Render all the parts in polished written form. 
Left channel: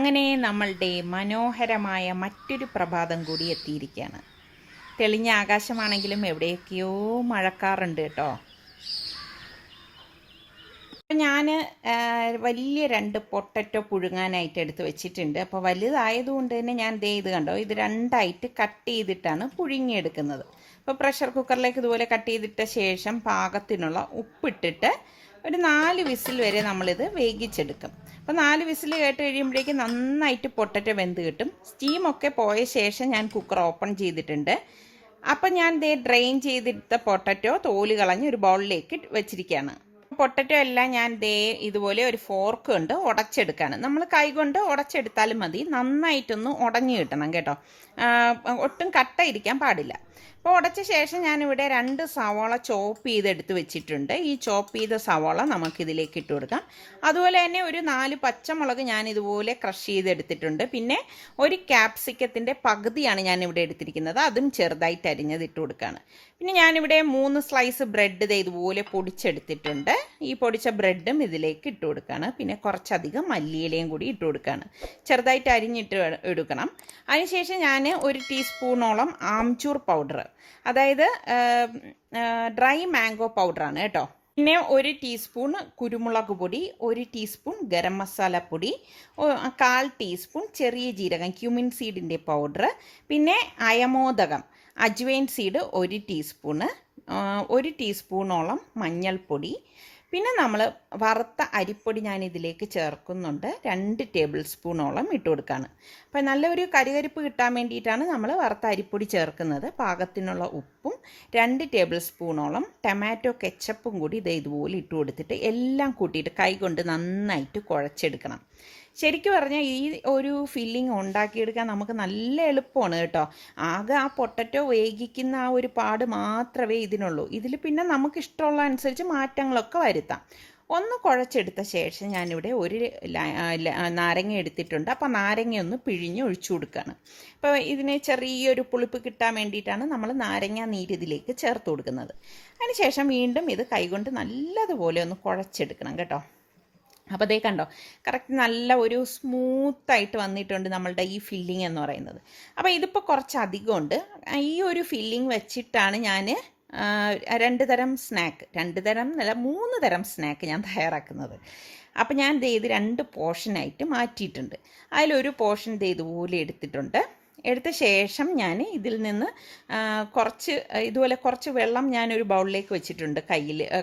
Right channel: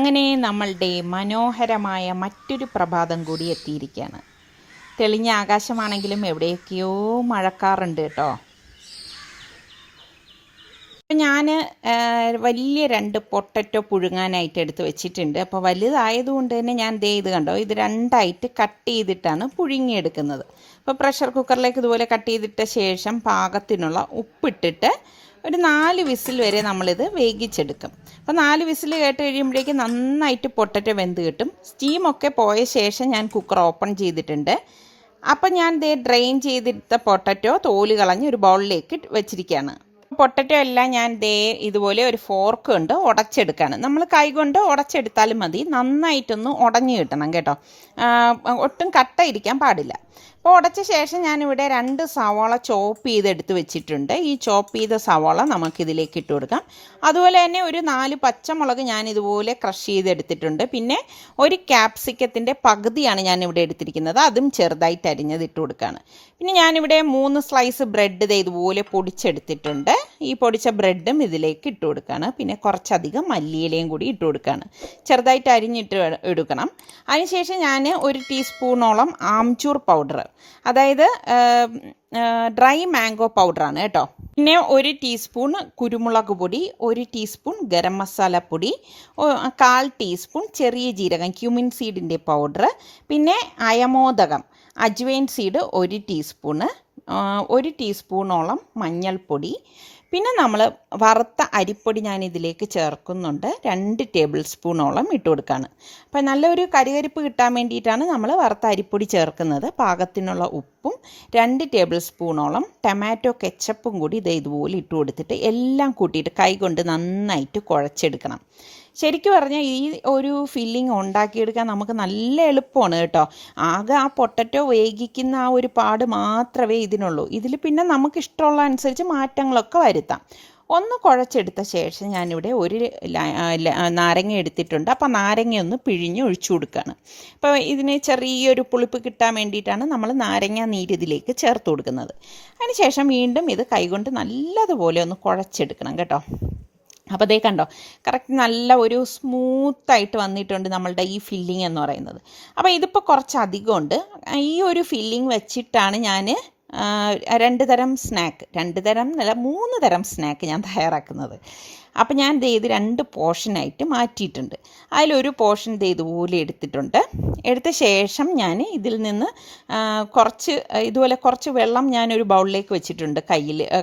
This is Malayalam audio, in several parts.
അങ്ങനെ നമ്മളുടെ മനോഹരമായ മറ്റൊരു പ്രഭാതം കൂടി എത്തിയിരിക്കുകയാണ്. തെളിഞ്ഞ ആകാശമാണെങ്കിലും എവിടെയൊക്കെയോ മഴക്കാറുണ്ട് കേട്ടോ. ഞാൻ വലിയ 2 പൊട്ടറ്റോ പുഴുങ്ങാനായിട്ട് എടുത്ത് വെച്ചിട്ടുണ്ട്. അപ്പോൾ വലുതായതുകൊണ്ട് തന്നെ ഞാൻ ഇത് കണ്ടോ, ഇത് 2ആയിട്ട് കട്ട് ചെയ്തിട്ടാണ് പുഴുങ്ങിയെടുക്കുന്നത്. അപ്പോൾ പ്രഷർ കുക്കറിലേക്ക് ഇതുപോലെ കട്ട് ചെയ്തിട്ട ശേഷം പാകത്തിനുള്ള ഉപ്പിട്ടിട്ട് ഒരു 4 വിസിൽ വരെ നമ്മളിത് വേവിച്ചെടുക്കും. അപ്പോൾ 4 വിസിൽ കേട്ട് കഴിയുമ്പോഴേക്കും നന്നായിട്ട് പൊട്ടറ്റോ വെന്ത് കിട്ടും. സ്റ്റീമൊക്കെ പോയ ശേഷം ഞാൻ കുക്കർ ഓപ്പൺ ചെയ്തിട്ടുണ്ട്. അപ്പം ഞാൻ ഡ്രെയിൻ ചെയ്തെടുത്ത പൊട്ടറ്റോ തോല് കളഞ്ഞ് ഒരു ബൗളിലേക്ക് വെച്ചിരിക്കുകയാണ്. പൊട്ടറ്റോ എല്ലാം ഞാൻ ഇതുപോലെ ഒരു ഫോർക്ക് കൊണ്ട് ഉടച്ചെടുക്കുകയാണ്. നമ്മൾ കൈകൊണ്ട് ഉടച്ചെടുത്താലും മതി, നന്നായിട്ടൊന്ന് ഉടഞ്ഞു കിട്ടണം കേട്ടോ, ഒട്ടും കട്ട ഇരിക്കാൻ പാടില്ല. അപ്പോൾ ഉടച്ച ശേഷം ഞാനിവിടെ 2 സവാള ചോപ്പ് ചെയ്തെടുത്ത് വെച്ചിട്ടുണ്ട്. ഈ ചോപ്പ് ചെയ്ത സവാള നമുക്കിതിലേക്ക് ഇട്ട് കൊടുക്കാം. അതുപോലെ തന്നെ ഒരു 4 പച്ചമുളക് ഞാനിതുപോലെ ക്രഷ് ചെയ്തെടുത്തിട്ടുണ്ട്. പിന്നെ ഒരു ക്യാപ്സിക്കത്തിൻ്റെ പകുതിയാണ് ഞാനിവിടെ എടുത്തിരിക്കുന്നത്, അതും ചെറുതായിട്ട് അരിഞ്ഞത് ഇട്ട് കൊടുക്കുകയാണ്. പിന്നെ ഞാനിവിടെ 3 സ്ലൈസ് ബ്രെഡ് ഇതുപോലെ പൊടിച്ചെടുത്തിട്ടുണ്ട്. ഈ പൊടിച്ച ബ്രെഡും ഇതിലേക്ക് ഇട്ട് കൊടുക്കുകയാണ്. പിന്നെ കുറച്ചധികം മല്ലിയിലയും കൂടി ഇട്ട് കൊടുക്കുകയാണ്. ചെറുതായിട്ട് അരിഞ്ഞിട്ട് എടുക്കണം. അതിനുശേഷം ഞാൻ 1 ടീസ്പൂണോളം ആംചൂർ പൗഡർ, അതായത് ഡ്രൈ മാംഗോ പൗഡറാണ് കേട്ടോ. പിന്നെ 1 ടീസ്പൂൺ കുരുമുളക് പൊടി, 1 ടീസ്പൂൺ ഗരം മസാല പൊടി, 1/4 ടീസ്പൂൺ ചെറിയ ജീരകം ക്യുമിൻ സീഡിൻ്റെ പൗഡർ, പിന്നെ അയമോദകം അജ്വൈൻ സീഡ് 1 ടീസ്പൂണ്, 1 ടീസ്പൂണോളം മഞ്ഞൾപ്പൊടി, പിന്നെ നമ്മൾ വറുത്ത അരിപ്പൊടി ഞാൻ ഇതിലേക്ക് ചേർക്കുന്നുണ്ട്. 2 ടേബിൾ സ്പൂണോളം ഇട്ട് കൊടുക്കുകയാണ്. അപ്പോൾ നല്ലൊരു കരികരിപ്പ് കിട്ടാൻ വേണ്ടിയിട്ടാണ് നമ്മൾ വറുത്ത അരിപ്പൊടി ചേർക്കുന്നത്. പാകത്തിനുള്ള ഉപ്പും 2 ടേബിൾ സ്പൂണോളം ടൊമാറ്റോ കെച്ചപ്പും കൂടി ഇതുപോലെ ഇട്ട് കൊടുത്തിട്ട് എല്ലാം കൂട്ടിയിട്ട് കൈകൊണ്ട് നന്നായിട്ട് കുഴച്ചെടുക്കണം. ശരിക്കും പറഞ്ഞാൽ ഈ ഒരു ഫില്ലിങ് ഉണ്ടാക്കിയെടുക്കാൻ നമുക്ക് നല്ല എളുപ്പമാണ് കേട്ടോ. ആകെ ആ പൊട്ടറ്റോ വേവിക്കുന്ന ആ ഒരു പാട് മാത്രമേ ഇതിനുള്ളൂ. ഇതിൽ പിന്നെ നമുക്ക് ഇഷ്ടമുള്ള അനുസരിച്ച് മാറ്റങ്ങളൊക്കെ വരുത്താം. ഒന്ന് കുഴച്ചെടുത്ത ശേഷം ഞാനിവിടെ 1 നാരങ്ങ എടുത്തിട്ടുണ്ട്. അപ്പോൾ നാരങ്ങ ഒന്ന് പിഴിഞ്ഞ് ഒഴിച്ചു കൊടുക്കുകയാണ്. അപ്പോൾ ഇതിന് ചെറിയൊരു പുളിപ്പ് കിട്ടാൻ വേണ്ടിയിട്ടാണ് നമ്മൾ നാരങ്ങ നീര് ഇതിലേക്ക് ചേർത്ത് കൊടുക്കുന്നത്. അതിന് ശേഷം വീണ്ടും ഇത് കൈകൊണ്ട് നല്ലതുപോലെ ഒന്ന് കുഴച്ചെടുക്കണം കേട്ടോ. അപ്പോൾ കണ്ടോ, കറക്റ്റ് നല്ല ഒരു സ്മൂത്തായിട്ട് വന്നിട്ടുണ്ട് നമ്മളുടെ ഈ ഫില്ലിംഗ് എന്ന് പറയുന്നത്. അപ്പോൾ ഇതിപ്പോൾ കുറച്ചധികം ഉണ്ട്. ഈ ഒരു ഫില്ലിംഗ് വെച്ചിട്ടാണ് ഞാൻ 2 തരം സ്നാക്ക്, 2 തരം അല്ല 3 തരം സ്നാക്ക് ഞാൻ തയ്യാറാക്കുന്നത്. അപ്പോൾ ഞാൻ ഇത് 2 പോർഷനായിട്ട് മാറ്റിയിട്ടുണ്ട്. അതിലൊരു പോർഷൻ ഇതുപോലെ എടുത്തിട്ടുണ്ട്. എടുത്ത ശേഷം ഞാൻ ഇതിൽ നിന്ന് ഇതുപോലെ കുറച്ച് വെള്ളം ഞാനൊരു ബൗളിലേക്ക് വെച്ചിട്ടുണ്ട്,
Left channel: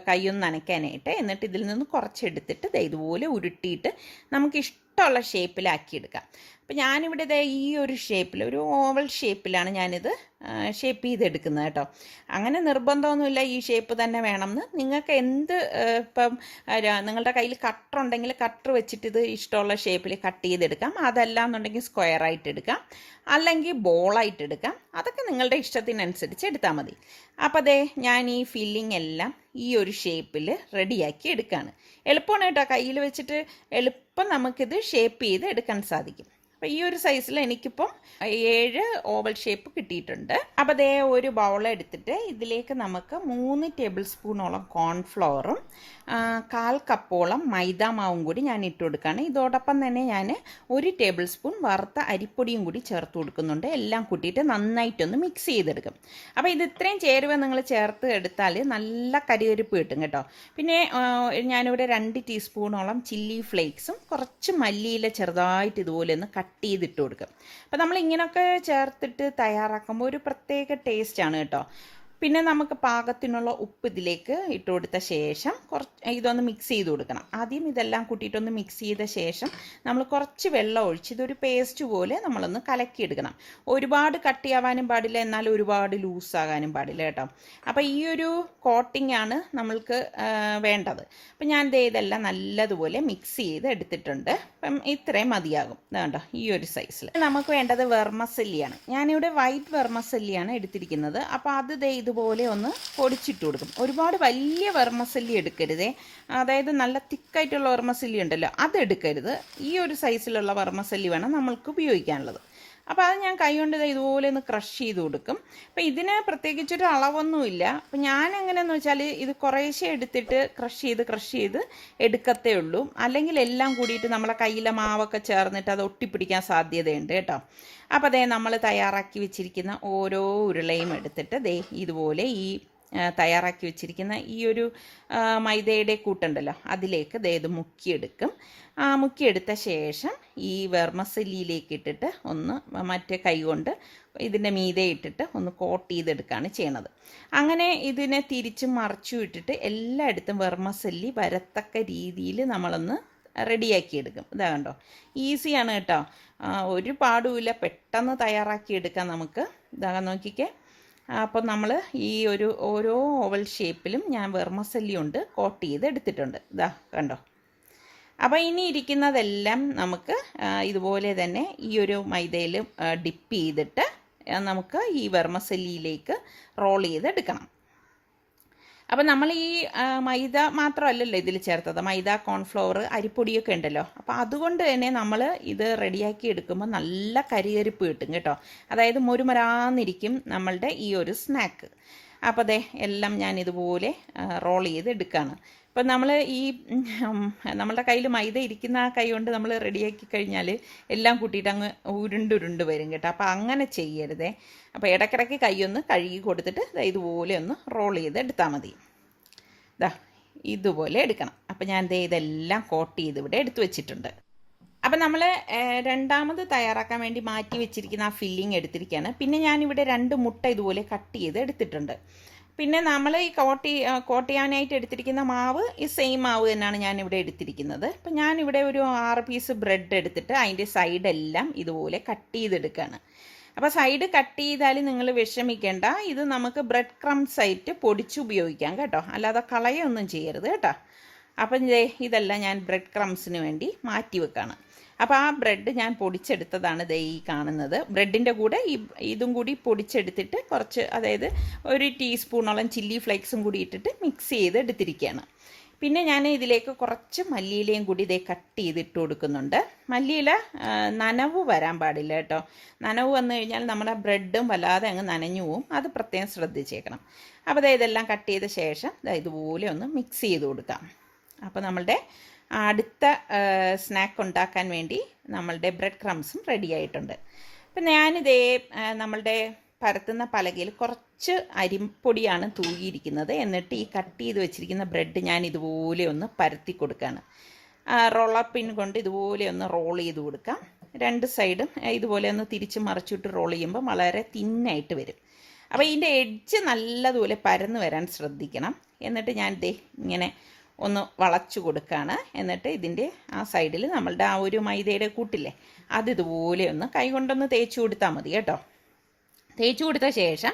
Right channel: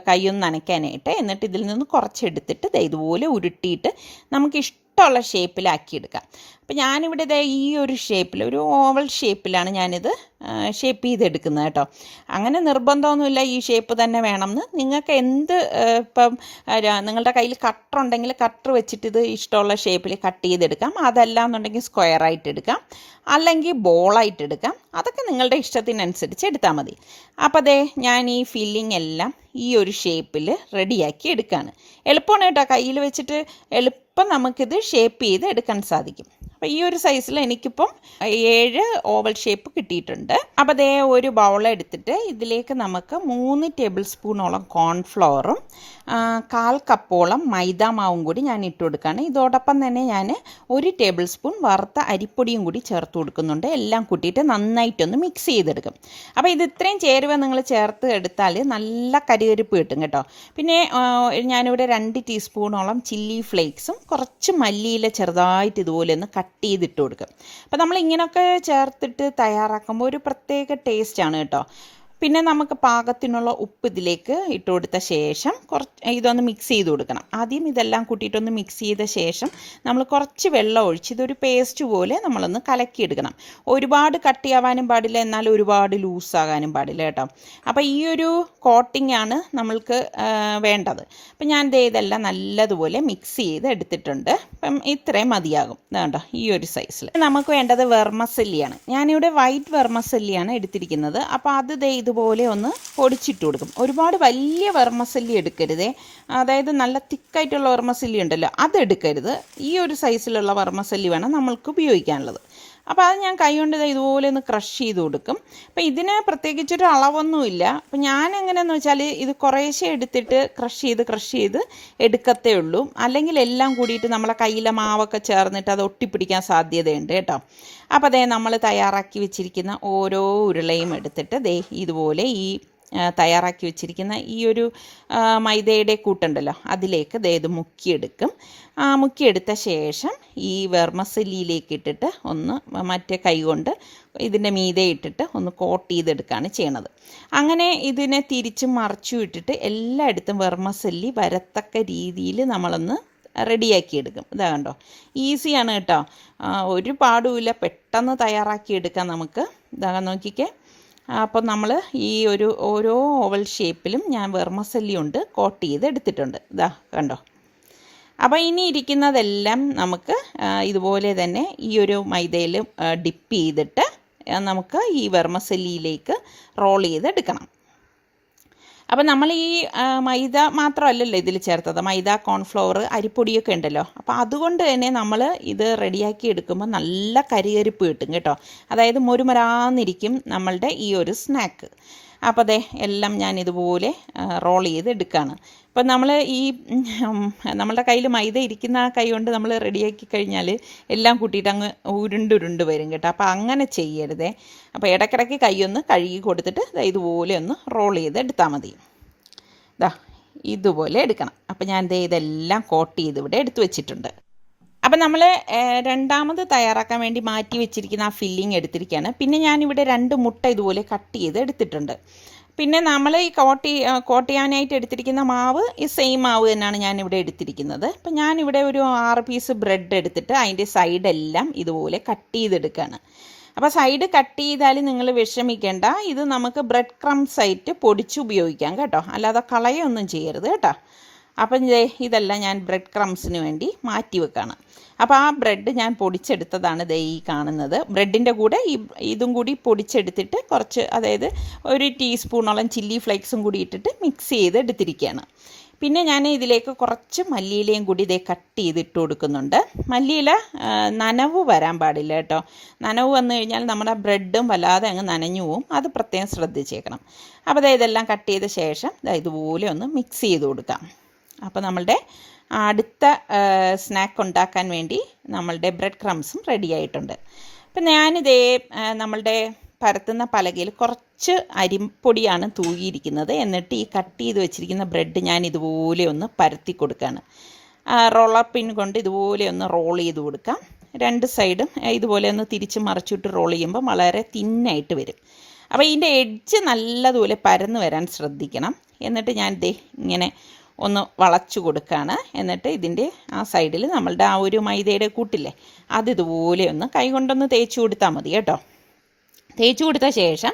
കൈയൊന്ന് നനയ്ക്കാനായിട്ട്. എന്നിട്ട് ഇതിൽ നിന്ന് കുറച്ചെടുത്തിട്ട് ഇതുപോലെ ഉരുട്ടിയിട്ട് നമുക്ക് ഇഷ്ടമുള്ള ഷേപ്പിലാക്കിയെടുക്കാം. അപ്പോൾ ഞാനിവിടെ ഈ ഒരു ഷേപ്പിൽ, ഒരു ഓവൽ ഷേപ്പിലാണ് ഞാനിത് ഷേപ്പ് ചെയ്തെടുക്കുന്നത് കേട്ടോ. അങ്ങനെ നിർബന്ധമൊന്നുമില്ല ഈ ഷേപ്പ് തന്നെ വേണമെന്ന്. നിങ്ങൾക്ക് ഇപ്പം നിങ്ങളുടെ കയ്യിൽ കട്ടർ ഉണ്ടെങ്കിൽ കട്ടർ വെച്ചിട്ട് ഇത് ഇഷ്ടമുള്ള ഷേപ്പിൽ കട്ട് ചെയ്തെടുക്കാം. അതല്ല എന്നുണ്ടെങ്കിൽ സ്ക്വയറായിട്ട് എടുക്കാം, അല്ലെങ്കിൽ ബോളായിട്ട് എടുക്കാം. അതൊക്കെ നിങ്ങളുടെ ഇഷ്ടത്തിനനുസരിച്ച് എടുത്താൽ മതി. അപ്പോൾ ഞാൻ ഈ ഫില്ലിംഗ് എല്ലാം ഈ ഒരു ഷേപ്പിൽ റെഡിയാക്കി എടുക്കുകയാണ്. എളുപ്പമാണ് കേട്ടോ, കയ്യിൽ വെച്ചിട്ട് എളുപ്പം നമുക്കിത് ഷേപ്പ് ചെയ്ത് എടുക്കാൻ സാധിക്കും. അപ്പോൾ ഈ ഒരു സൈസിൽ എനിക്കിപ്പം 7 ഓവൽ ഷേപ്പ് കിട്ടിയിട്ടുണ്ട്. അപ്പോൾ ഒരു ബൗൾ എടുത്തിട്ട് ഇതിലേക്ക് നമുക്ക് 3 ടേബിൾ സ്പൂണോളം കോൺഫ്ലവറും 1/4 കപ്പോളം മൈദാമാവും കൂടി ഞാൻ ഇട്ട് കൊടുക്കുകയാണ്. ഇതോടൊപ്പം തന്നെ ഞാൻ 1 ടേബിൾ സ്പൂൺ വറുത്ത അരിപ്പൊടിയും കൂടി ചേർത്ത് കൊടുക്കുന്നുണ്ട്. എല്ലാം കൂട്ടിയിട്ട് നന്നായിട്ടൊന്ന് മിക്സ് ചെയ്തെടുക്കും. അപ്പോൾ ഇത് ഇത്രയും ചേരുവ നിങ്ങൾ ചേർത്ത് എടുത്താൽ നല്ല കരികരിപ്പ് കിട്ടും കേട്ടോ. പിന്നെ ഞാനിവിടെ 2 ടീസ്പൂണോളം ചില്ലി ഫ്ലേക്സും കുറച്ച് മല്ലിയില ചെറുതായിട്ട് ഇതുപോലെ ഒന്ന് കട്ട് ചെയ്തിട്ട് കൊടുക്കും. അപ്പോൾ നമ്മൾ ഇങ്ങനെയൊക്കെ ചേർത്തിട്ട് തയ്യാറാക്കുമ്പോൾ ഒരു പ്രത്യേക ടേസ്റ്റാണ് കേട്ടോ. പിന്നെ നമുക്ക് പാകത്തിനുള്ള ഉപ്പ് ഇതിലേക്ക് ഇട്ട് കൊടുത്ത ശേഷം ഇതൊന്ന് മിക്സ് ചെയ്ത് കൊടുക്കണം. ആദ്യം ഇതെല്ലാം കൂട്ടിയിട്ടൊന്ന് മിക്സ് ചെയ്ത ശേഷം നമ്മൾ കുറച്ച് വെള്ളം ഒഴിച്ച് ഇതൊരു പേസ്റ്റ് പോലെ നമ്മളൊന്ന് കലക്കിയെടുക്കണം. ഒരുപാട് കട്ടിയാവാനും പാടില്ല, എന്നാൽ ഒരുപാട് ലൂസാകാനും പാടില്ല കേട്ടോ. അപ്പോൾ ഈ ഒരു കോട്ടിംഗ് ആണ് നമ്മൾക്ക് വേണ്ടത്. അപ്പം ഞാൻ ഇതെല്ലാം നല്ലതുപോലെ മിക്സ് ചെയ്ത് എടുത്തിട്ടുണ്ട്. അപ്പം ഇത്രയും മതിയാകും. വേണ്ട ഈ ഒരു സൈസിൽ നമുക്ക് വേണ്ടത് വെർമസെല്ലിയാണ്. ഞാനിവിടെ വൈറ്റ് വെർമസെല്ലിയാണ് എടുത്തിരിക്കുന്നത്. അപ്പോൾ അത് ഇതുപോലെ ഒന്ന് പൊടിച്ചിട്ട് കൊടുക്കും. ഒരുപാട് വലിയ വെർമസെല്ലി എടുക്കരുതേ, അതായത് നല്ല തിക്കായിട്ടുള്ള വെർമസെല്ലി ഉണ്ടല്ലോ, അതെടുക്കരുത്. ഈ ഒരു സൈസിലുള്ള വെർമസെല്ലി വേണം നമ്മൾക്ക് ഉപയോഗിക്കാനുള്ളത്. അപ്പോൾ അത് ഞാൻ കൈ കൊണ്ട് ഇതുപോലെ ഒന്ന് ക്രഷ് ചെയ്ത് കൊടുക്കും. അപ്പോൾ ഇതിന് പ്രത്യേകിച്ചൊരു അളവൊന്നുമില്ല. അപ്പോൾ ഞാൻ എങ്ങനെയാണെന്ന് വെച്ചാൽ ഇത് കുറേശ്ശെ എടുത്തിട്ട് ക്രഷ് ചെയ്ത് എടുക്കത്തേ ഉള്ളൂ. അല്ലെങ്കിൽ എല്ലാം കൂടിയിട്ട് നമ്മളെ കയ്യിലെ മാവൊക്കെ ചേർന്നിട്ട് അത് ഒട്ടിപ്പിടിക്കാൻ സാധ്യതയുണ്ട് കേട്ടോ. അപ്പോൾ അതേ നമ്മൾ തയ്യാറാക്കി വെച്ചിരിക്കുന്ന ഓരോ ഉരുളയും എടുത്തിട്ട് ദേ ഇതുപോലെ ഈ തയ്യാറാക്കി വെച്ചിരിക്കുന്ന ഈ ഒരു മൈദയുടെ കൂട്ടുണ്ടല്ലോ അതിലേക്ക് ഇത് മുക്കിയെടുക്കും. മുക്കിയെടുത്ത ശേഷം ഈ വെർമസെല്ലിയിലേക്ക് ഇട്ടിട്ട് ഒന്ന് മറ്റേ കൈ കൊണ്ട് ഇതിൻ്റെ മീതെ ഇട്ടിട്ട് ഒന്ന് കോട്ട് ചെയ്തെടുക്കുകയാണ് ചെയ്യണത്. അങ്ങനെ ഇതിനെ തിരിച്ചും മറിച്ചും ഇട്ടിട്ട് എല്ലായിടത്തും വെർമസെല്ലി വരത്തക്ക രീതിയിൽ നമ്മളൊന്ന് റെഡിയാക്കിയെടുക്കും. ഇതാ കണ്ടോ, ഈസിയാണ് കേട്ടോ, ഒരു പാടുമില്ല, പെട്ടെന്ന് തയ്യാറാക്കിയെടുക്കാം നമുക്ക്. ഇതാ നോക്കിക്കേ. അപ്പോൾ നമ്മൾ ഈ ഓരോ ഓവൽ ഷേപ്പിലും ഞാൻ വെർമസെല്ലി കൊണ്ട് കോട്ട് ചെയ്ത് എടുത്തിട്ടുണ്ട്. ഇതാ കണ്ടോ. അപ്പോൾ ഇനി ഇരിക്കുന്നതെല്ലാം നമുക്ക് ഇതുപോലെ തന്നെ ഈ ഒരു മൈദയിൽ ഡിപ്പ് ചെയ്തിട്ട് നമുക്ക് ഈ വെർമസെല്ലിയിലേക്ക് റോൾ ചെയ്തെടുക്കണം. അപ്പം നമ്മൾ ഈ മൈദ മാത്രമല്ലല്ലോ ഇതിൽ ചേർത്തത്, മൈദ, കോൺഫ്ലവർ, അരിപ്പൊടിയൊക്കെ ഉണ്ടല്ലോ. അപ്പോൾ അതുകൊണ്ട് തന്നെ നമ്മൾ ഇത് റെഡിയാക്കി എടുക്കുമ്പോൾ നല്ല കരികരിപ്പ് കിട്ടും കേട്ടോ. അതായത് മൊരുമരാന്നിരിക്കും നമ്മളുടെ ഈ ഒരു സ്നാക്ക്. അപ്പോൾ അതെ എല്ലാം ഞാൻ ഇതുപോലെ റോൾ ചെയ്ത് എടുക്കുകയാണ്. അപ്പം നമ്മൾ ഈ നമ്മളുടെ കയ്യിൽ മൈദ ഇരിക്കുന്ന ആ കൈ കൊണ്ട് നമ്മൾ റെഡിയാക്കി കഴിഞ്ഞാൽ എല്ലാം കൂട്ടിയിട്ട് അങ്ങ് ഉരുണ്ടുരുണ്ട് വരും കേട്ടോ. അപ്പോൾ അങ്ങനെ ചെയ്യരുതേ. അപ്പോൾ ഇടയ്ക്കിടയ്ക്ക് കൈയൊന്ന് കഴുകി കൊടുത്തിട്ട് ഇതുപോലെ ഒന്ന് റോൾ ചെയ്ത് എടുത്താൽ മതി. ഇതുപോലെ എടുക്കണം. അപ്പോൾ ഞാൻ ഇതെല്ലാം കോട്ട് ചെയ്ത് ഇവിടെ എടുത്തു വെച്ചിട്ടുണ്ട്. അപ്പം നമ്മൾ രണ്ടാമത് തയ്യാറാക്കാൻ വേണ്ടി മാറ്റി വെച്ചിരിക്കുന്ന ആ ഫില്ലിങ് എടുത്തിരിക്കുകയാണ്. പിന്നെ ഞാനിവിടെ 2 മുട്ട ഇതുപോലെ കട്ട് ചെയ്ത് എടുത്തിട്ടുണ്ട്. പിന്നെ നമ്മൾ ഈ കോട്ട് ചെയ്യാനായിട്ട് എടുത്തിരിക്കുന്ന മാവ് ഈ സെയിം മാവ് തന്നെയാണ് ഞാനിവിടെ എടുത്തിരിക്കുന്നത്. അപ്പം ഞാനിവിടെ ഒരു 6 പീസ് ബ്രെഡ് എടുത്തിട്ട് അതിൻ്റെ സൈഡെല്ലാം ഇതുപോലെ കട്ട് ചെയ്തെടുക്കുകയാണ്. അപ്പോൾ സൈഡ് കട്ട് ചെയ്താൽ നിങ്ങൾ വിഷമിക്കേണ്ട, ഇത് നമുക്ക് ബ്രെഡ് ക്രംസ് ആയിട്ട് പൊടിച്ച് ഉപയോഗിക്കാം കേട്ടോ, അല്ലാതെ കളയൊന്നും ചെയ്യരുത് കേട്ടോ. അപ്പം ഇതെല്ലാം ഞാൻ ബ്രെഡ് ക്രംസിന് വേണ്ടി മാറ്റി വെക്കുകയാണ്. അപ്പോൾ ആ ബ്രെഡ് ഞാൻ പൊടിച്ചെടുത്തതാണ് ഈ കാണുന്നത്. ബ്രെഡിൻ്റെ കൂടെ ഇതും കൂടി പൊടിച്ചെടുത്തിട്ട് കുറച്ച്, അതായത് 1 ടീസ്പൂണോളം ചില്ലി ഫ്ലേക്സും കൂടി ഇട്ടിട്ട് മിക്സ് ചെയ്ത് എടുത്തിരിക്കുകയാണ്. പിന്നെ ഞാൻ ഇതിലേക്ക് കുറച്ച് മല്ലിയിലയും കൂടി കട്ട് ചെയ്തിട്ട് കൊടുക്കുന്നുണ്ട്. മല്ലിയില നനവ് വരാൻ പാടില്ല കേട്ടോ. നനവ് വന്നു കഴിഞ്ഞാൽ നമ്മുടെ ബ്രെഡും വല്ലാതെ അങ്ങ് നനഞ്ഞു പോവും, അത് പ്രത്യേകം ശ്രദ്ധിച്ചേക്കണം. അപ്പോൾ ഇതെല്ലാം കട്ട് ചെയ്ത ശേഷം ഇതുപോലെ ഒന്ന് മിക്സ് ചെയ്ത് കൊടുക്കാം. അപ്പോൾ നമ്മളുടെ അടുത്ത സ്നാക്ക് ഉണ്ടാക്കാൻ വേണ്ടി നമ്മളുടെ ബ്രെഡ് ക്രംസും റെഡി ആയിട്ടുണ്ട്. അപ്പം നമ്മളുടെ പരത്തുന്ന പലകയിൽ കുറച്ച് അരിപ്പൊടിയാണ് തൂകിയിരിക്കുന്നത്. എന്നിട്ട് ഈ കട്ട് ചെയ്ത് വെച്ചിരിക്കുന്ന ബ്രെഡ് ഞാൻ ഇതുപോലെ ഒന്ന് പരത്തി കൊടുക്കുകയാണ്. റോളർ പിൻ കൊണ്ട് ഇതുപോലെ ഒന്ന് റോൾ ചെയ്ത് കൊടുക്കാം. 2 സൈഡും ഇതുപോലെ ഒന്ന് തിരിച്ച് മറിച്ചിട്ട് റോൾ ചെയ്യുമ്പോൾ വളരെ തിന്നായിട്ട് വരും. അപ്പോൾ ഇതിൻ്റെ എഡ്ജ് നല്ലതുപോലെ പരന്ന് വരാൻ ശ്രദ്ധിക്കണം. എന്നിട്ട് ഞാൻ ഇങ്ങനെ ഒന്ന് വളച്ചു കൊടുക്കുകയാണ്. എന്നിട്ട് ഇതിൻ്റെ ആ സൈഡിൽ നമ്മളുടെ ആ ഒരു മൈദയുടെ കൂട്ടില്ലേ അതിതുപോലെ ഒന്ന് കൈ കൊണ്ടൊന്ന് തേച്ച് കൊടുത്താൽ മതി കേട്ടോ. തേച്ച് കൊടുത്ത ശേഷം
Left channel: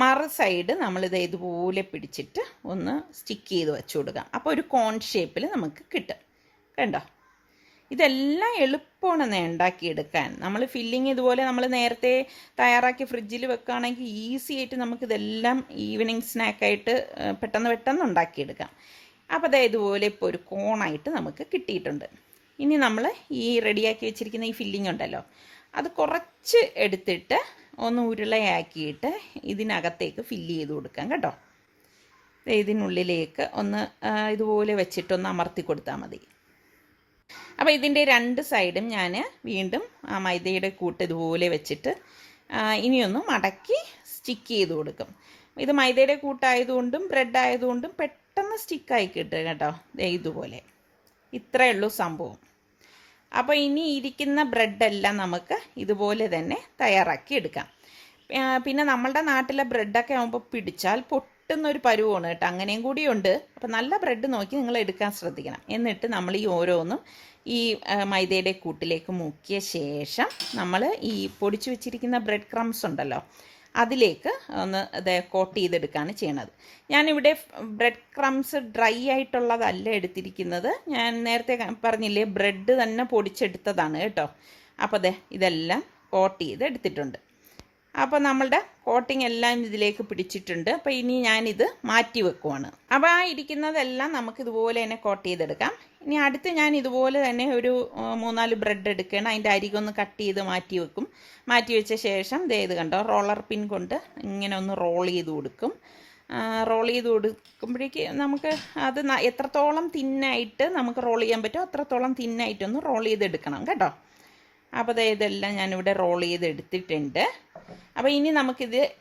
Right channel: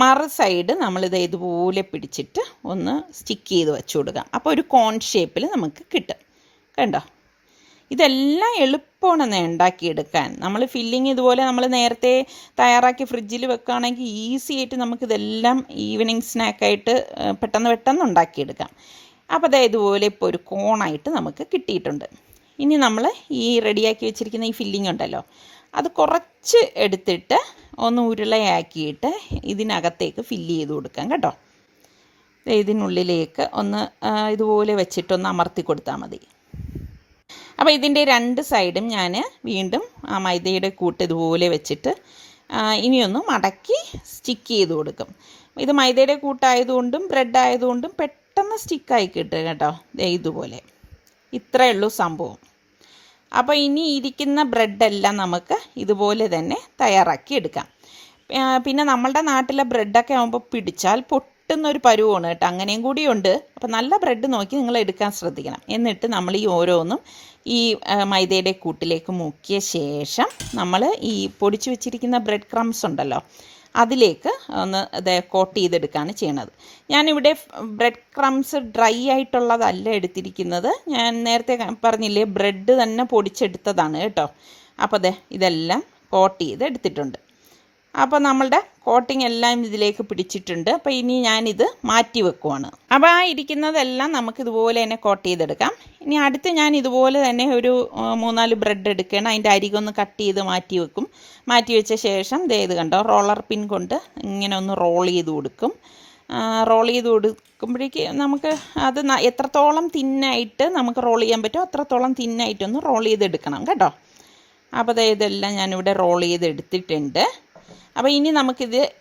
മറു സൈഡ് നമ്മളിത് ഇതുപോലെ പിടിച്ചിട്ട് ഒന്ന് സ്റ്റിക്ക് ചെയ്ത് വെച്ച് കൊടുക്കാം. അപ്പോൾ ഒരു കോൺ ഷേപ്പിൽ നമുക്ക് കിട്ടും. കണ്ടോ, ഇതെല്ലാം എളുപ്പമാണ് ഉണ്ടാക്കിയെടുക്കാൻ. നമ്മൾ ഫില്ലിങ് ഇതുപോലെ നമ്മൾ നേരത്തെ തയ്യാറാക്കി ഫ്രിഡ്ജിൽ വെക്കുകയാണെങ്കിൽ ഈസി ആയിട്ട് നമുക്കിതെല്ലാം ഈവനിങ് സ്നാക്കായിട്ട് പെട്ടെന്ന് ഉണ്ടാക്കിയെടുക്കാം. അപ്പോൾ ഇതുപോലെ ഇപ്പോൾ ഒരു കോണായിട്ട് നമുക്ക് കിട്ടിയിട്ടുണ്ട്. ഇനി നമ്മൾ ഈ റെഡിയാക്കി വെച്ചിരിക്കുന്ന ഈ ഫില്ലിംഗ് ഉണ്ടല്ലോ അത് കുറച്ച് എടുത്തിട്ട് ഒന്ന് ഉരുളയാക്കിയിട്ട് ഇതിനകത്തേക്ക് ഫില്ല് ചെയ്ത് കൊടുക്കാം കേട്ടോ. ഇതിനുള്ളിലേക്ക് ഒന്ന് ഇതുപോലെ വെച്ചിട്ടൊന്ന് അമർത്തി കൊടുത്താൽ മതി. അപ്പോൾ ഇതിൻ്റെ 2 സൈഡും ഞാൻ വീണ്ടും ആ മൈദയുടെ കൂട്ട് ഇതുപോലെ വെച്ചിട്ട് ഇനിയൊന്ന് മടക്കി സ്റ്റിക്ക് ചെയ്ത് കൊടുക്കും. ഇത് മൈദയുടെ കൂട്ടായതുകൊണ്ടും ബ്രെഡ് ആയതുകൊണ്ടും പെട്ടെന്ന് സ്റ്റിക്കായി കിട്ടും കേട്ടോ. ഇതുപോലെ ഇത്രയേ ഉള്ളൂ സംഭവം. അപ്പോൾ ഇനി ഇരിക്കുന്ന ബ്രെഡെല്ലാം നമുക്ക് ഇതുപോലെ തന്നെ തയ്യാറാക്കി എടുക്കാം. പിന്നെ നമ്മളുടെ നാട്ടിലെ ബ്രെഡൊക്കെ ആകുമ്പോൾ പിടിച്ചാൽ പൊട്ടുന്നൊരു പരുവമാണ് കേട്ടോ, അങ്ങനെയും കൂടിയുണ്ട്. അപ്പോൾ നല്ല ബ്രെഡ് നോക്കി നിങ്ങൾ എടുക്കാൻ ശ്രദ്ധിക്കണം. എന്നിട്ട് നമ്മൾ ഈ ഓരോന്നും ഈ മൈദയുടെ കൂട്ടിലേക്ക് മുക്കിയ ശേഷം നമ്മൾ ഈ പൊടിച്ചു വെച്ചിരിക്കുന്ന ബ്രെഡ് ക്രംസ് ഉണ്ടല്ലോ അതിലേക്ക് ഒന്ന് കോട്ട് ചെയ്തെടുക്കുകയാണ് ചെയ്യണത്. ഞാനിവിടെ ബ്രെഡ് ക്രംസ് ഡ്രൈ ആയിട്ടുള്ളതല്ല എടുത്തിരിക്കുന്നത്. ഞാൻ നേരത്തെ പറഞ്ഞില്ലേ ബ്രെഡ് തന്നെ പൊടിച്ചെടുത്തതാണ് കേട്ടോ. അപ്പോൾ ഇതെല്ലാം കോട്ട് ചെയ്ത് എടുത്തിട്ടുണ്ട്. അപ്പോൾ നമ്മളുടെ കോട്ടിംഗ് എല്ലാം ഇതിലേക്ക് പിടിച്ചിട്ടുണ്ട്. അപ്പോൾ ഇനി ഞാനിത് മാറ്റി വെക്കുവാണ്. അപ്പോൾ ആ ഇരിക്കുന്നതെല്ലാം നമുക്ക് ഇതുപോലെ തന്നെ കോട്ട് ചെയ്തെടുക്കാം. ഇനി അടുത്ത് ഞാൻ ഇതുപോലെ തന്നെ ഒരു 3-4 ബ്രെഡ് എടുക്കണം. അതിൻ്റെ അരികൊന്ന് കട്ട് ചെയ്ത് മാറ്റി വെക്കും. മാറ്റി വെച്ച ശേഷം ഇത് കണ്ടോ, റോളർ പിൻ കൊണ്ട് ഇങ്ങനെ ഒന്ന് റോൾ ചെയ്ത് കൊടുക്കും. റോൾ ചെയ്ത് കൊടുക്കുമ്പോഴേക്ക് നമുക്ക് അത് എത്രത്തോളം തിന്നായിട്ട് നമുക്ക് റോൾ ചെയ്യാൻ പറ്റുമോ അത്രത്തോളം തിന്നായിട്ടൊന്ന് റോൾ ചെയ്തെടുക്കണം കേട്ടോ. അപ്പോൾ ഇതെല്ലാം ഞാനിവിടെ റോൾ ചെയ്തെടുത്തിട്ടുണ്ട്. അപ്പോൾ ഇനി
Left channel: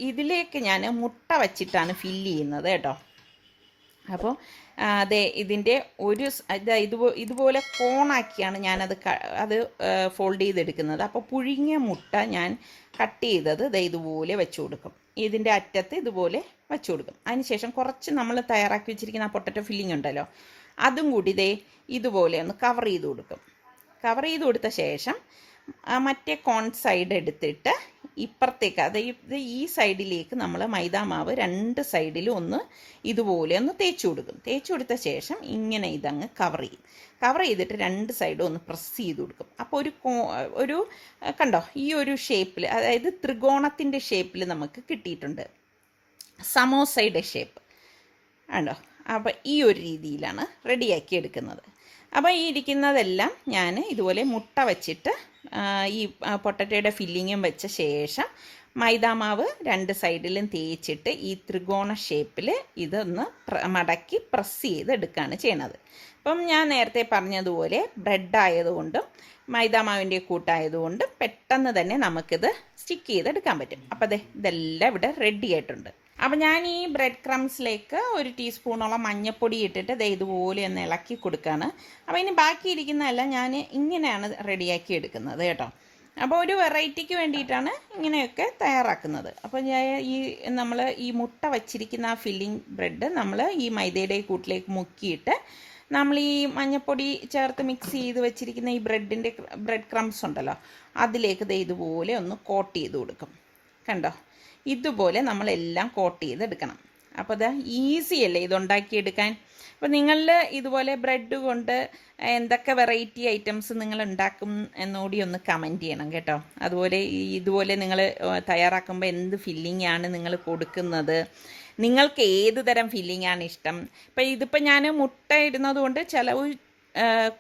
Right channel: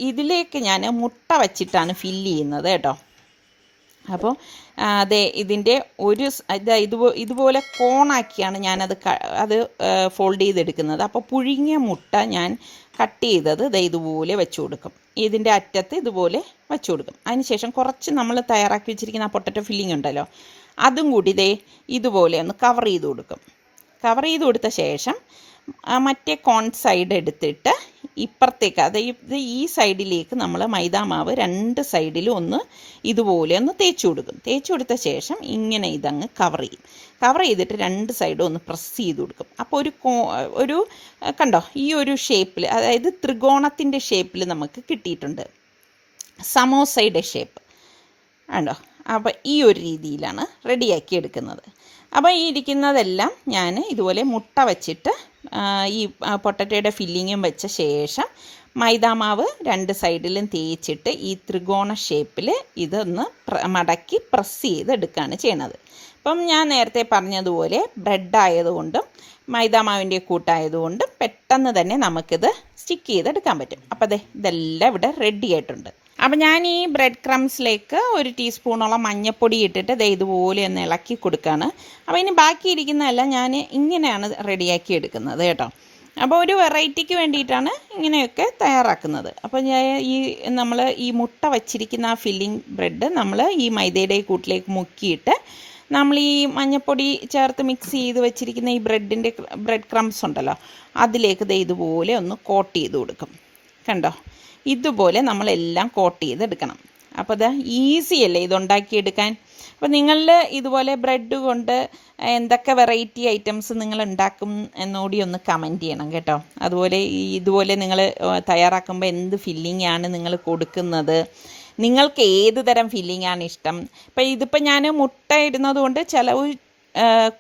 ഇതിലേക്ക് ഞാൻ മുട്ട വച്ചിട്ടാണ് ഫില്ല് ചെയ്യുന്നത് കേട്ടോ. അപ്പോൾ ഇതിൻ്റെ ഇതുപോലെ കോണാക്കിയാണ് ഞാനത് ഫോൾഡ് ചെയ്തെടുക്കുന്നത്. അപ്പോൾ പുഴുങ്ങിയ മുട്ട ഞാൻ കട്ട് ചെയ്തത് ഇതുപോലെ വെച്ച് കൊടുക്കും. ഇതിൻ്റെ അറ്റത്ത് ഇതുപോലെ വെച്ച് കൊടുക്കും. അതിനുശേഷം കുറച്ച് നമ്മൾ തയ്യാറാക്കി വെച്ചിരിക്കുന്ന ആ പൊട്ടറ്റോ ഫില്ലിംഗ് ഉണ്ടല്ലോ, അതും കൂടി ഇതുപോലെ ഒന്ന് കവർ ചെയ്ത് കൊടുക്കും. കവർ ചെയ്ത് കൊടുത്ത ശേഷം മറ്റേ കോൺ സൈഡ് എടുത്തിട്ട് ഇപ്പുറത്തേക്ക്, അതായത് ഈ സൈഡിലേക്ക് നമ്മൾ മൈദാമാവ് 2 സൈഡിലും ഒന്ന് ഇതുപോലെ ഒന്ന് തേച്ച് കൊടുക്കും. തേച്ച് കൊടുത്ത ശേഷം ഇങ്ങനെ ഇതങ്ങ് കവർ ചെയ്യും. കവർ ചെയ്തിട്ട് 2 സൈഡും ഒന്ന് പ്രസ് ചെയ്ത് കൊടുക്കും. അപ്പോൾ ഒരു കണ്ടോ, ഈ ഒരു ഷേപ്പിൽ, അതായത് ത്രികോണത്തിൻ്റെ ഷേപ്പിൽ നമുക്ക് കിട്ടിയിട്ടുണ്ട്, സമോസയുടെ ഷേപ്പ് കണ്ടോ. അപ്പോൾ ഈ ഒരു രീതിയിലാണ് റെഡിയാക്കി എടുക്കുന്നത്. അപ്പോൾ ഈ ഇരിക്കുന്നതെല്ലാം ഞാൻ ഇതുപോലെ മുട്ട വച്ചിട്ട് ഈ പൊട്ടറ്റോയുടെ ഫില്ലിങ്ങും വെച്ച ശേഷം മൈദാമാവ് 2 സൈഡിലും തേച്ചിട്ട് ഈ ത്രികോണ ഷേപ്പിൽ ഇതൊന്ന് മടക്കി പ്രസ് ചെയ്തെടുക്കുകയാണ് ചെയ്യണത്. അപ്പം ഞാൻ നേരത്തെ പറഞ്ഞതുപോലെ ബ്രെഡ് ആയതുകൊണ്ടും മൈദാമാവിൻ്റെ കൂട്ടായതുകൊണ്ടും പെട്ടെന്ന് തന്നെ നമുക്കിത് സ്റ്റിക്ക് ചെയ്തെടുക്കാൻ പറ്റും. അപ്പോൾ ഇതെല്ലാം ഇവിടെ റെഡി ആയിട്ടുണ്ട്. അപ്പോൾ ഞാൻ ഈ ബ്രെഡ് ക്രംസിലേക്ക് 1 ടീസ്പൂണോളം മഞ്ഞൾപ്പൊടി ഇട്ടിട്ട് ഇതുപോലെ ഒന്ന് ഇളക്കി കൊടുക്കുകയാണ്. അപ്പോൾ ഇനി ബാക്കിയിരിക്കുന്നതെല്ലാം ഞാൻ ഇങ്ങനെയാണ് റെഡിയാക്കി എടുക്കുന്നത് കേട്ടോ. അപ്പോൾ ഒരു വെറൈറ്റിക്ക് വേണ്ടിയിട്ടാണ് ഇങ്ങനെയൊക്കെ തയ്യാറാക്കുന്നത്. അപ്പോൾ നമ്മൾ ഈ മുട്ട വച്ചിരിക്കുന്ന ആ ഫില്ലിംഗ് ബ്രെഡ് നമ്മൾ ഈ മൈദയുടെ കൂട്ടിലേക്ക് മുക്കിയിട്ട് നമ്മൾ ഈ മഞ്ഞൾപ്പൊടി ചേർത്ത് മിക്സ് ചെയ്ത് വെച്ചിരിക്കുന്ന ഈ ബ്രെഡ് ക്രംസ് ഉണ്ടല്ലോ, അതിലേക്ക് ഇതുപോലെ ഒന്ന് കോട്ട് ചെയ്ത് കൊടുക്കും. കണ്ടോ, ഇതുപോലെ നമ്മളെല്ലാം കോട്ട് ചെയ്തെടുക്കണം. അപ്പോൾ ഈസി അല്ലേ ഇതുണ്ടാക്കിയെടുക്കാൻ. അപ്പോൾ നിങ്ങളിൽ ഇതുപോലെ ബ്രെഡ് കൊണ്ട് എന്തൊക്കെ വെറൈറ്റി ഐറ്റംസ് നിങ്ങൾ ഉണ്ടാക്കും എന്നുകൂടി ഒന്ന് കമൻറ്റ് ചെയ്യണം കേട്ടോ. അതുപോലെ ഇതുപോലെ നിങ്ങൾ തയ്യാറാക്കുമ്പോൾ എന്ത് ഫില്ലിംഗ് ആണ് നിങ്ങൾ കൊടുക്കുന്നത്, നിങ്ങൾക്ക് ഏത് തരം ഫില്ലിംഗ് ആണ് ഇഷ്ടം. ഇതിപ്പോൾ ഞാൻ മുട്ട ഇടുന്നത് കൊണ്ട് ചിലവ്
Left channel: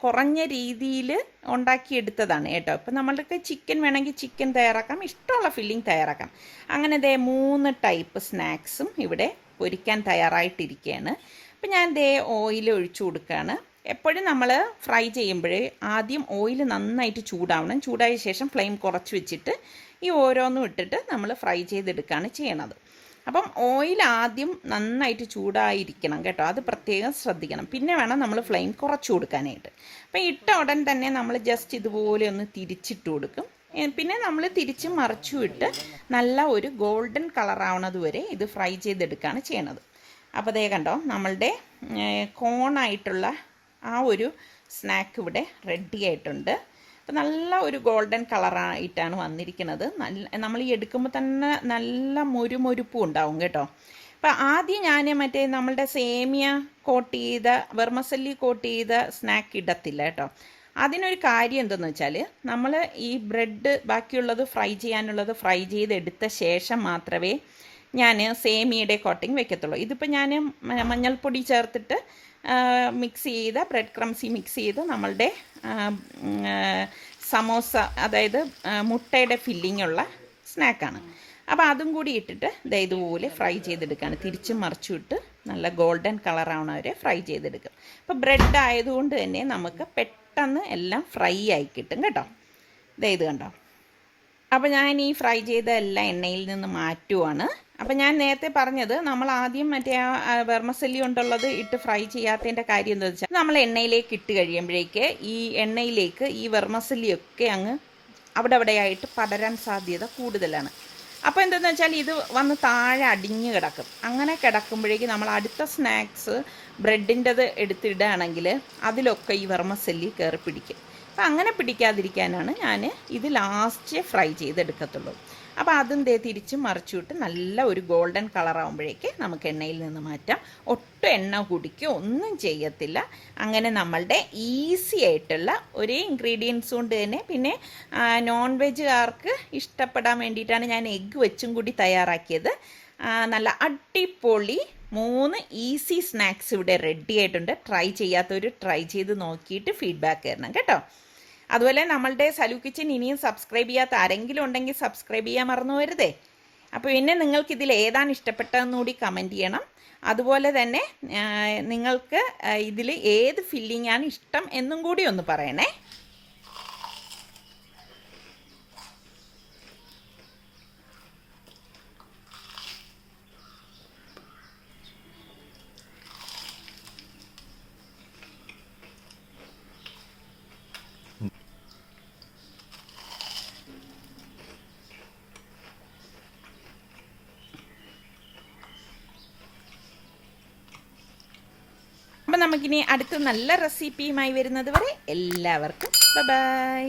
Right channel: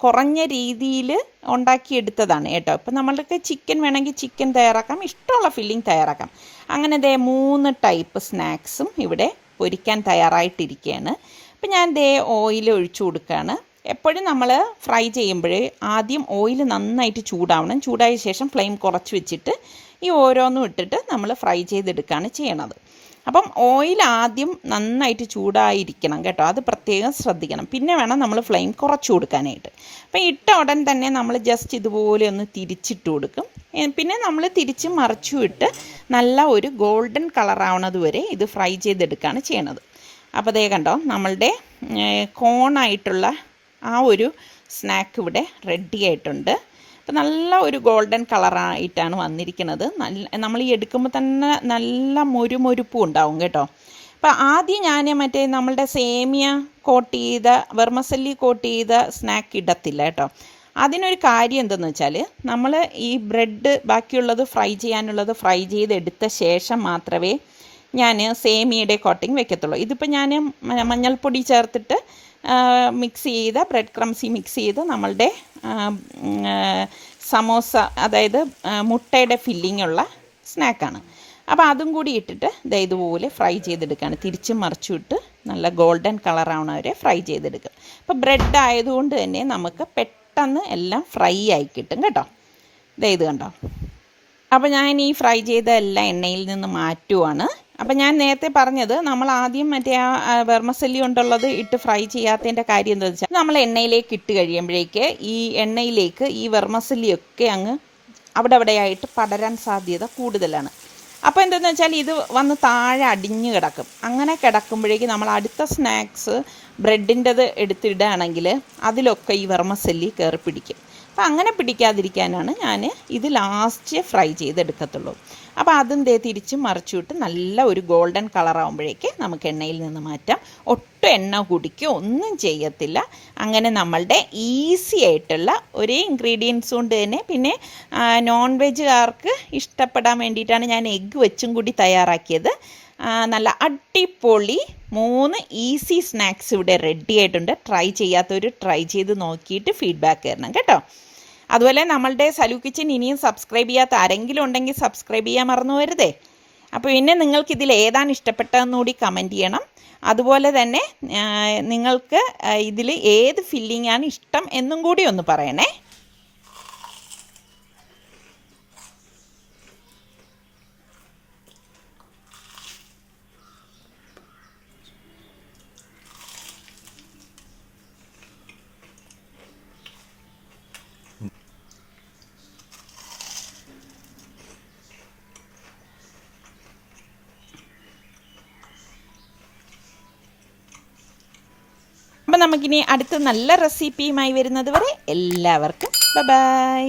കുറഞ്ഞ രീതിയിൽ ഉണ്ടാക്കിയെടുത്തതാണ് കേട്ടോ. ഇപ്പം നമ്മൾക്ക് ചിക്കൻ വേണമെങ്കിൽ ചിക്കൻ തയ്യാറാക്കാം, ഇഷ്ടമുള്ള ഫില്ലിംഗ് തയ്യാറാക്കാം. അങ്ങനെ 3 ടൈപ്പ് സ്നാക്സും ഇവിടെ പൊരിക്കാൻ തയ്യാറായിട്ടിരിക്കുകയാണ്. അപ്പം ഞാൻ ഓയിൽ ഒഴിച്ചു കൊടുക്കുകയാണ്. എപ്പോഴും നമ്മൾ ഫ്രൈ ചെയ്യുമ്പോൾ ആദ്യം ഓയിൽ നന്നായിട്ട് ചൂടാവണം. ചൂടായ ശേഷം ഫ്ലെയിം കുറച്ച് വെച്ചിട്ട് ഈ ഓരോന്നും ഇട്ടിട്ട് നമ്മൾ ഫ്രൈ ചെയ്തെടുക്കുകയാണ് ചെയ്യണത്. അപ്പം ഓയിൽ ആദ്യം നന്നായിട്ട് ചൂടായിരിക്കണം കേട്ടോ, അത് പ്രത്യേകം ശ്രദ്ധിക്കണം. പിന്നെ വേണം നമ്മൾ ഫ്ലെയിം കുറച്ച് കൊടുക്കാനായിട്ട്. അപ്പം ഇട്ട ഉടൻ തന്നെ നമ്മൾ ജസ്റ്റ് ഇതുപോലെ ഒന്ന് തിരിച്ചിട്ട് കൊടുക്കും. പിന്നെ നമ്മൾ തിരിച്ച് മറിച്ചും ഇട്ട് നല്ല ഒരു ഗോൾഡൻ കളറാവണത് വരെ ഇത് ഫ്രൈ ചെയ്തെടുക്കുകയാണ് ചെയ്യണത്. അപ്പോൾ കണ്ടോ, നമ്മളുടെ കോണായിട്ടുള്ള ആ ഒരു സ്നാക്ക് ഇവിടെ റെഡി ആയിട്ടുണ്ട്. അപ്പോൾ നല്ല ഒരു ഗോൾഡൻ കളറായിട്ടാണ് വന്നിരിക്കുന്നത്. നമ്മൾ ഈ എടുക്കുമ്പോൾ തന്നെ നല്ല മൊരുമൊരുപ്പും ഉണ്ടാവും കേട്ടോ. അപ്പോൾ ആദ്യം ഞാൻ നമ്മളുടെ സേമിയ കോട്ട് ചെയ്ത വെർമസല്ലി കോട്ട് ചെയ്ത സ്നാക്ക് ഇടത്തില്ല കേട്ടോ. അതിനൊരു കാര്യം എന്തെന്ന് വെച്ചാൽ നമ്മൾ ഈ ബ്രെഡ് ബാക്കിയുള്ളത് ഫ്രൈ ചെയ്യാനുള്ളത് ഫ്രൈ ചെയ്തെടുത്ത ശേഷം മാത്രമേ ഞാൻ സേമിയയുടെ കോട്ടിങ് വെക്കത്തുള്ളൂ. ഇതിപ്പോൾ ഞാൻ മഞ്ഞൾപ്പൊടി ചേർത്തിട്ട് മിക്സ് ചെയ്ത ബ്രെഡ് ക്രംസി മിക്സ് ചെയ്ത് നമ്മളുടെ സമോസ, അതായത് മുട്ടയുടെ ഫില്ലിംഗ് ഉള്ള സ്നാക്കാണ്. അപ്പോൾ അതും കൂടി ഇട്ടിട്ട് ഇതുപോലെ ഫ്രൈ ചെയ്തെടുക്കുകയാണ്. തിരിച്ചും മറിച്ചും ഇട്ട് നല്ല ഗോൾഡൻ കളറാവണ വരെ ഫ്രൈ ചെയ്തെടുക്കുക. അപ്പോൾ ബ്രെഡ് ആയതുകൊണ്ട് തന്നെ നമുക്ക് പെട്ടെന്ന് എല്ലാം ഫ്രൈ ആയി കിട്ടും കേട്ടോ. ഇത് കണ്ടോ. അപ്പോൾ ഞാൻ ഈ ഫ്രൈ ചെയ്ത എല്ലാം എണ്ണയിൽ നിന്ന് മാറ്റുവാണ്. അപ്പം ഞാൻ നേരത്തെ പറഞ്ഞത് നമ്മൾ ആദ്യം ആ വെർമസല്ലി കൊണ്ടുള്ളത് ഇട്ട് ഫ്രൈ ചെയ്യാത്തതിൻ്റെ കാര്യം എന്താണെന്ന് വെച്ചാൽ നമ്മൾ എണ്ണയിലേക്ക് ഇട്ട് കഴിയുമ്പോഴേക്ക് ഈ എണ്ണയിലേക്ക് ഈ വെർമസല്ലിയൊക്കെ അങ്ങ് അവിടെയായിട്ട് പടരാൻ സാധ്യത കൂടുതലാണ്. അപ്പോൾ എന്താണെന്ന് വെച്ചാൽ ഇത് വന്ന് താഴെ അടിഞ്ഞ് കിടക്കും. അങ്ങനെ കിടക്കുമ്പോഴേക്ക് നമ്മൾ അടുത്ത സ്നാക്സ് ബ്രെഡിൻ്റെത് എടുത്തിടുകയാണെങ്കിൽ അതിലൊക്കെ ഈ വെർമസല്ലി കയറി പിടിക്കും. അപ്പോൾ അങ്ങനെ പിടിക്കാതിരിക്കാനാണ് ഞാൻ ഇത് ലാസ്റ്റ് ഫ്രൈ ചെയ്തെടുക്കത്തുള്ളൂ. അപ്പോൾ അതും തിരിച്ച് മറിച്ചിട്ട് നല്ല ഒരു ഗോൾഡൻ കളറാകുമ്പോഴേക്ക് നമുക്ക് എണ്ണയിൽ നിന്ന് മാറ്റാം. ഒട്ടും എണ്ണ കുടിക്കുകയോ ഒന്നും ചെയ്യത്തില്ല. അങ്ങനെ നമ്മളുടെ ഈസി ആയിട്ടുള്ള ഒരേ ഇൻഗ്രീഡിയൻസ് കൊണ്ട് തന്നെ, പിന്നെ നോൺ വെജുകാർക്ക് ഇഷ്ടപ്പെടാൻ വേണ്ടിയിട്ടാണ് ഞാൻ എഗ്ഗ് വെച്ചും കൂടി തയ്യാറാക്കിയത്. നല്ല അടിപൊളി 3 ഈസി സ്നാക്സ് ഇവിടെ റെഡി ആയിട്ടുണ്ട്. ട്രൈ ചെയ്യാത്തവർ ട്രൈ ചെയ്ത് നോക്കിയിട്ട് ഫീഡ്ബാക്ക് തരണം കേട്ടോ. അതുപോലെ നമ്മളുടെ സലു കിച്ചൻ ഇനിയും സബ്സ്ക്രൈബ് ചെയ്യാത്ത ആരെങ്കിലും ഉണ്ടെങ്കിൽ സബ്സ്ക്രൈബ് ചെയ്യാൻ മറന്നു വരുതേ. അപ്പോൾ പിന്നെ നിങ്ങൾക്കിതിൽ ഏതാണ് ഇഷ്ടപ്പെട്ടതെന്നുകൂടി കമൻറ്റ് ചെയ്യണം. അതുപോലെ തന്നെ നിങ്ങൾക്ക് ഇതിൽ ഏത് ഫില്ലിംഗ് ആണ് ഇഷ്ടം എന്നും കൂടി ഒന്ന് പറയണേ. അപ്പോൾ നമുക്കിനി അടുത്ത നല്ല റെസിപ്പിയുമായി വരുന്നത് വരെ എല്ലാവർക്കും ബൈ.